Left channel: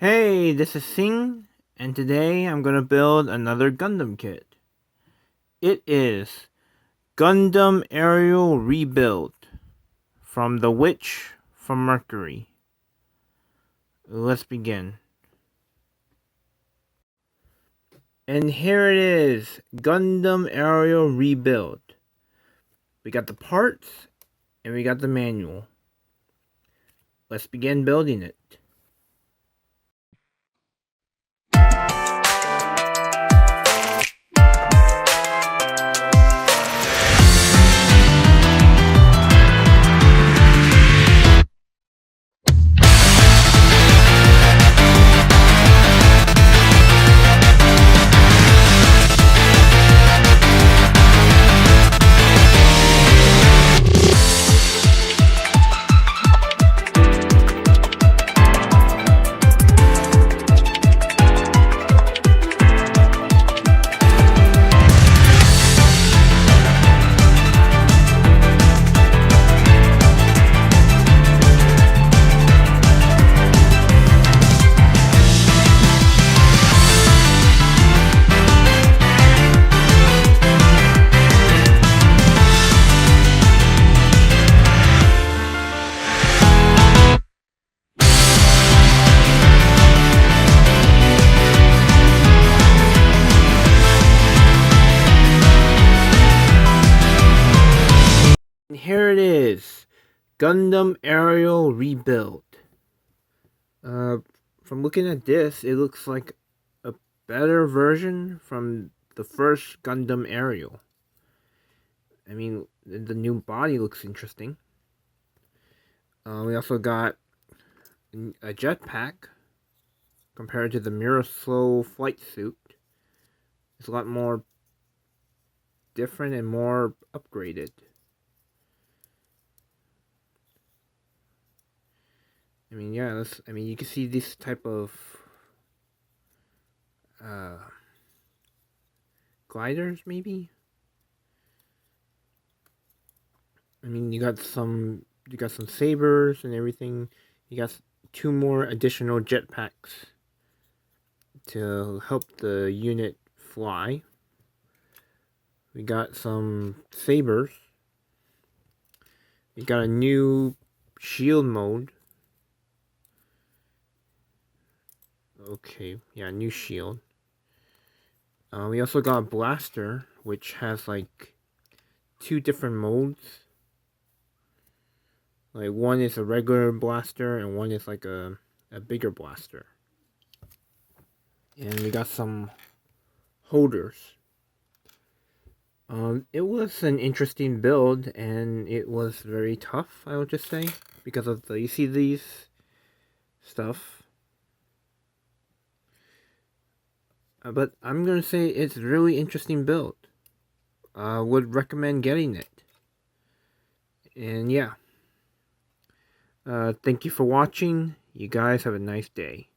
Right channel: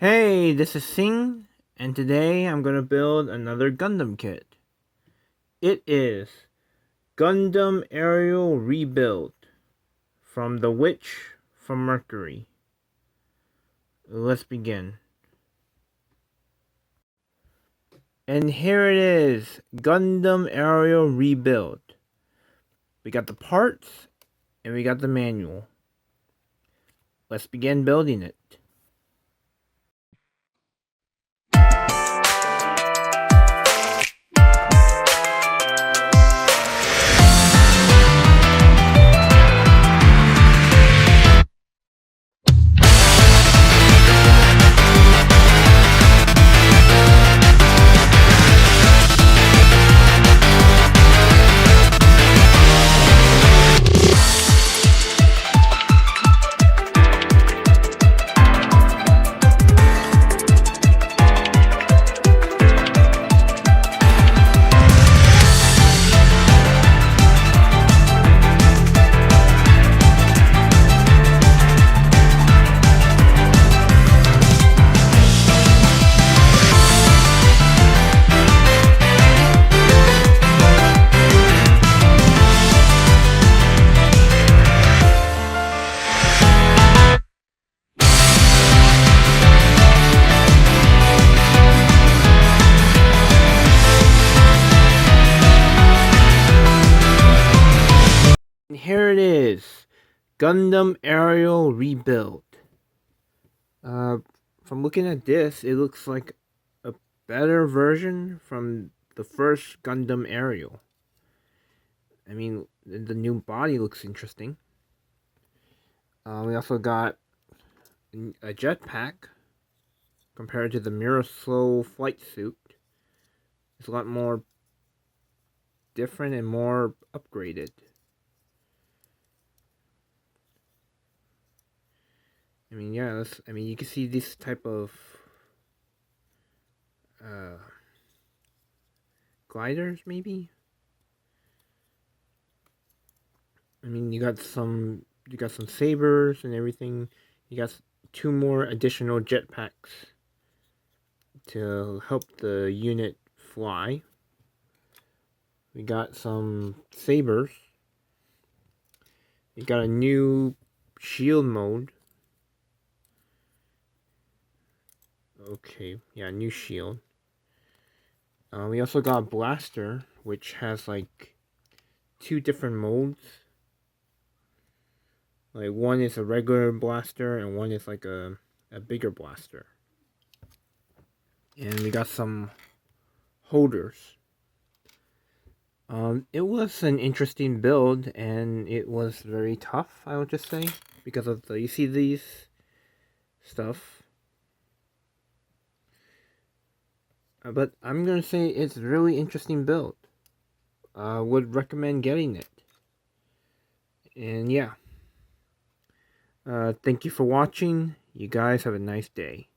Hey, this is Sing, and today I'm going to build another Gundam kit. It is Gundam Aerial Rebuild from the Witch from Mercury. Let's begin. And here it is, Gundam Aerial Rebuild. We got the parts, and we got the manual. Let's begin building it. And here it is, Gundam Aerial Rebuild. From looking at this, it looks like a better version from the first Gundam Aerial. I mean, the new body looks interesting. We also got a jetpack compared to the Mirror Slow flight suit. It's a lot more different and more upgraded. I mean, yeah, you can see this type of gliders, maybe. I mean, you got some sabers and everything. You got 2 more additional jetpacks to help the unit fly. We got some sabers. We got a new shield mode. Okay, yeah, new shield. We also got a blaster, which has like 2 different modes. Like one is a regular blaster and one is like a bigger blaster. And we got some holders. It was an interesting build, and it was very tough, I would just say, because of you see these stuff. But I'm gonna say it's a really interesting build. Would recommend getting it. And yeah. Thank you for watching. You guys have a nice day.